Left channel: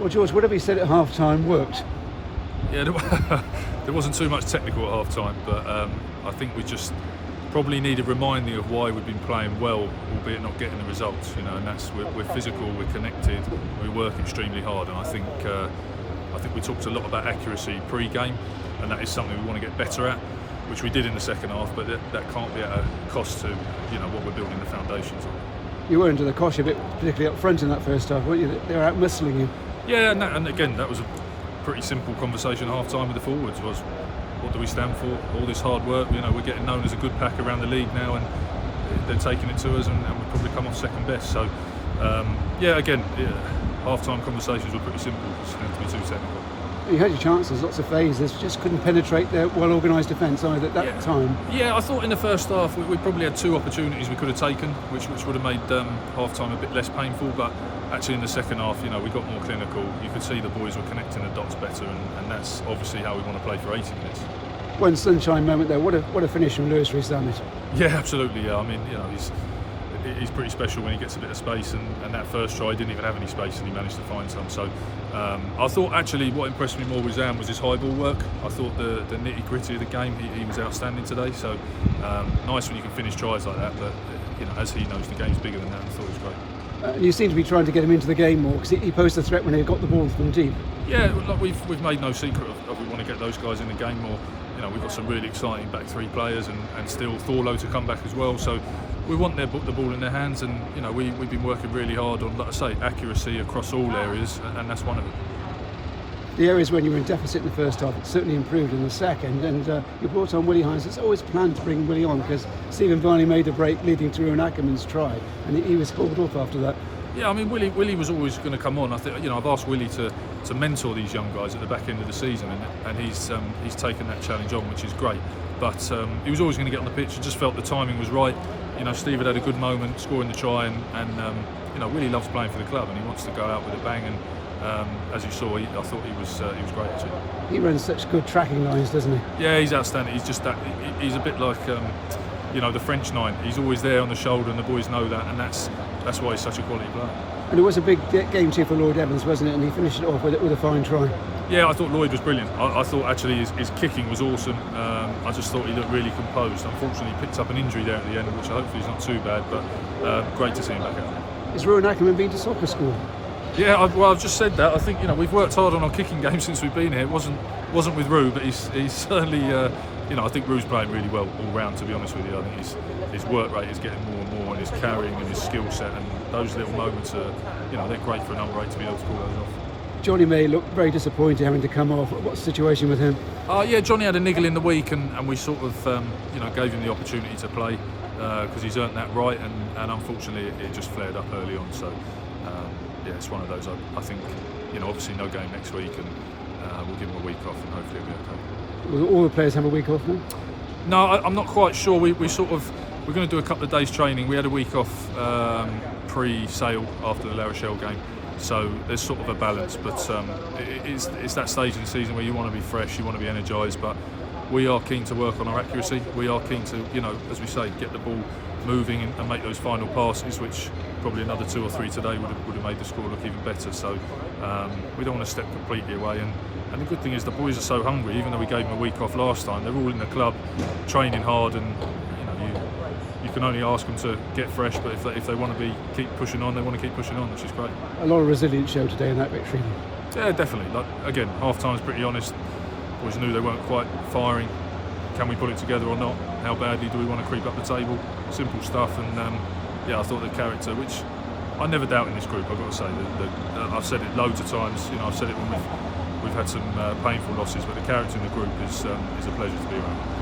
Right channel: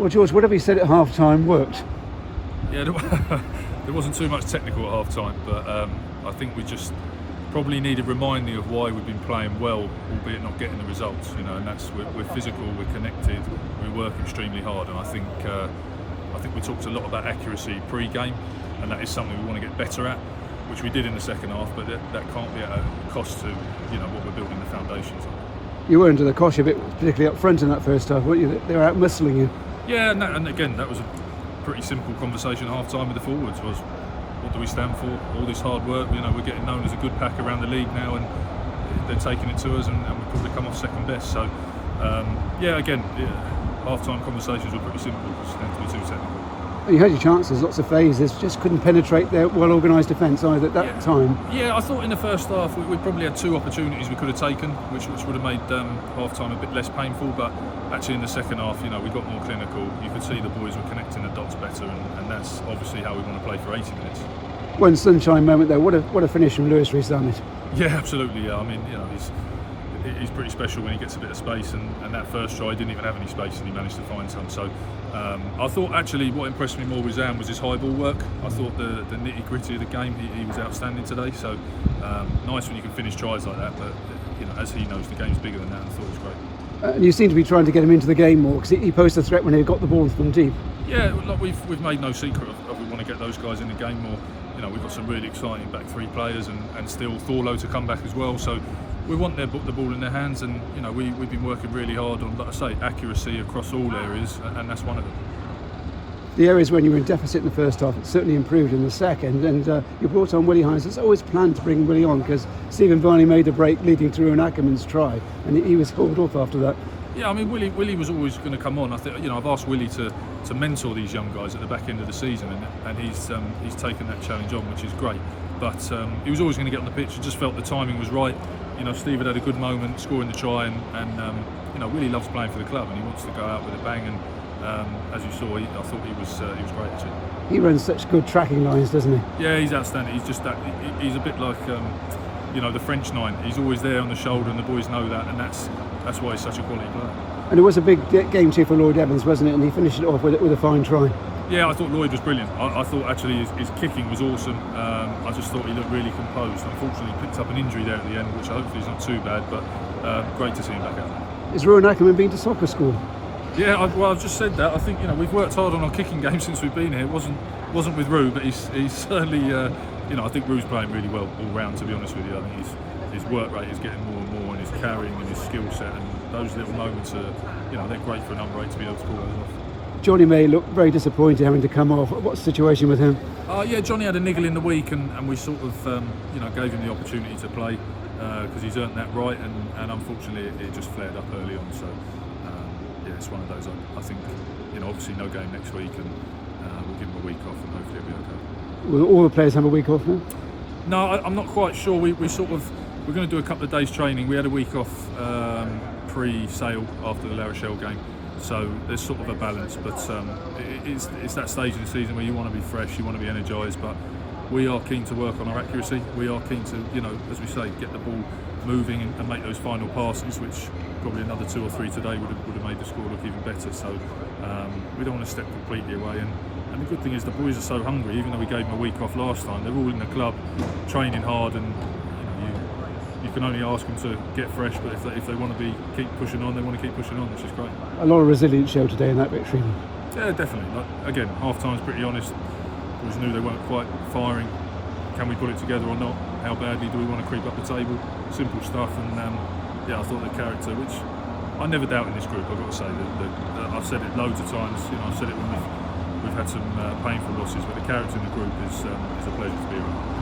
Well, George, whatever you said at half-time worked. Yeah, there wasn't too much technical at half-time, but I think we just probably needed reminding of why we've been playing well, albeit not getting the results. And that's we're physical, we're connected, we work extremely hard, and I think we talked a lot about accuracy pre-game, and that is something we want to get better at, which we did in the second half, but that can't be at a cost to what we're building the foundations on. You were under the cosh a bit, particularly up front in that first half, weren't you? They were out muscling you. Yeah, and again, that was a pretty simple conversation at half-time with the forwards. Was what do we stand for? All this hard work. We're getting known as a good pack around the league now, and they're taking it to us, and we've probably come off second best. So, half-time conversations were pretty simple because they didn't have to be too technical. You had your chances, lots of phases, just couldn't penetrate their well-organised defence either at that time. Yeah, I thought in the first half we probably had 2 opportunities we could have taken, which would have made half-time a bit less painful, but actually in the second half, we got more clinical. You could see the boys were connecting the dots better, and that's obviously how we want to play for 80 minutes. One sunshine moment though, what a finish from Lewis Rees-Zammit. Yeah, absolutely, yeah. I mean, he's pretty special when he gets a bit of space, and that first try he didn't even have any space and he managed to find some. So I thought actually what impressed me more with Zam was his high ball work. I thought the nitty gritty of the game, he was outstanding today. So nice when you can finish tries like that, but as he knows, the game's bigger than that, and I thought it was great. And you seem to be trying to get him into the game more because he posed a threat when he got the ball from deep. Yeah, like we've made no secret of we want to get those guys in the game more. We've got some really exciting back 3 players, and still Thorlo to come back as well. So we want the ball in their hands, and we've been working really hard on, like I say, accuracy across all areas, and that's one of them. The areas when you were in deficit in the first half, it certainly improved in the second, and you brought on Willie Hines. It's always planned to bring Willie on because Stephen Varney made a break leading to Rowan Ackerman's try, and he was called off after that. Yeah, I mean, Willie was always going to come on. I think I've asked Willie to mentor these young guys at the back end of the season, and he's taken that challenge on, which is great. But he was always going to get on the pitch. I just felt the timing was right. Steve had a good moment scoring the try, and Willie loves playing for the club, and he wants to go out with a bang. And as you saw, I thought he was great actually. He runs such good tracking lines, doesn't he? Yeah, he's outstanding. He's just that. He's a bit like the French 9. He's always there on the shoulder, and the boys know that, and that's why he's such a quality player. And it was a big game too for Lloyd Evans, wasn't it? And he finished it off with a fine try. Yeah, I thought Lloyd was brilliant. I thought actually his kicking was awesome. I just thought he looked really composed. Unfortunately, he picked up an injury there at the end, which hopefully is not too bad, but great to see him back out there. Has Rowan Ackerman been to soccer school? Yeah, I've just said that. I think we've worked hard on our kicking game since we've been here. It wasn't with Rue, but he's certainly I think Rue's playing really well all round. To be honest with you, I think his work rate is getting more and more, and his carrying and his skill set, and those little moments are they're great for a number 8 to be able to pull those off. Johnny May looked very disappointed having to come off. What's the situation with him? Yeah, Johnny had a niggle in the week, and we sort of gave him the opportunity to play because he's earned that right, and unfortunately it just flared up early on. So it's one of those. I think obviously no game next week, and we'll give him a week off, and hopefully it'll be okay. Will all the players have a week off now? No, I'm not quite sure. We're going to do a couple of days training. We had a week off pre-sale after the La Rochelle game, so there's sort of a balance. But it's that stage in the season where you want to be fresh, you want to be energised, but we are keen to work on our accuracy. We are keen to, as we say, get the ball moving and make those final passes, which probably another 2 or 3 today would have made the score look even better. So we don't want to step completely away. And the good thing is the boys are so hungry. Even though we gave them a week off last time, they're all in the club, training hard, and you can only ask them to get fresh. But if they want to keep pushing on, they want to keep pushing on, which is great. A lot of resilience show today in that victory. Yeah, definitely. Again, half time's pretty honest. Boys knew they weren't quite firing. Can we put it together or not? How badly do we want to creep up the table? Simple stuff, and I thought the character, which I never doubt in this group. I've got to say that I've said it loads of times. I've said it when we've had some painful losses, but the character in the group is a pleasure to be around.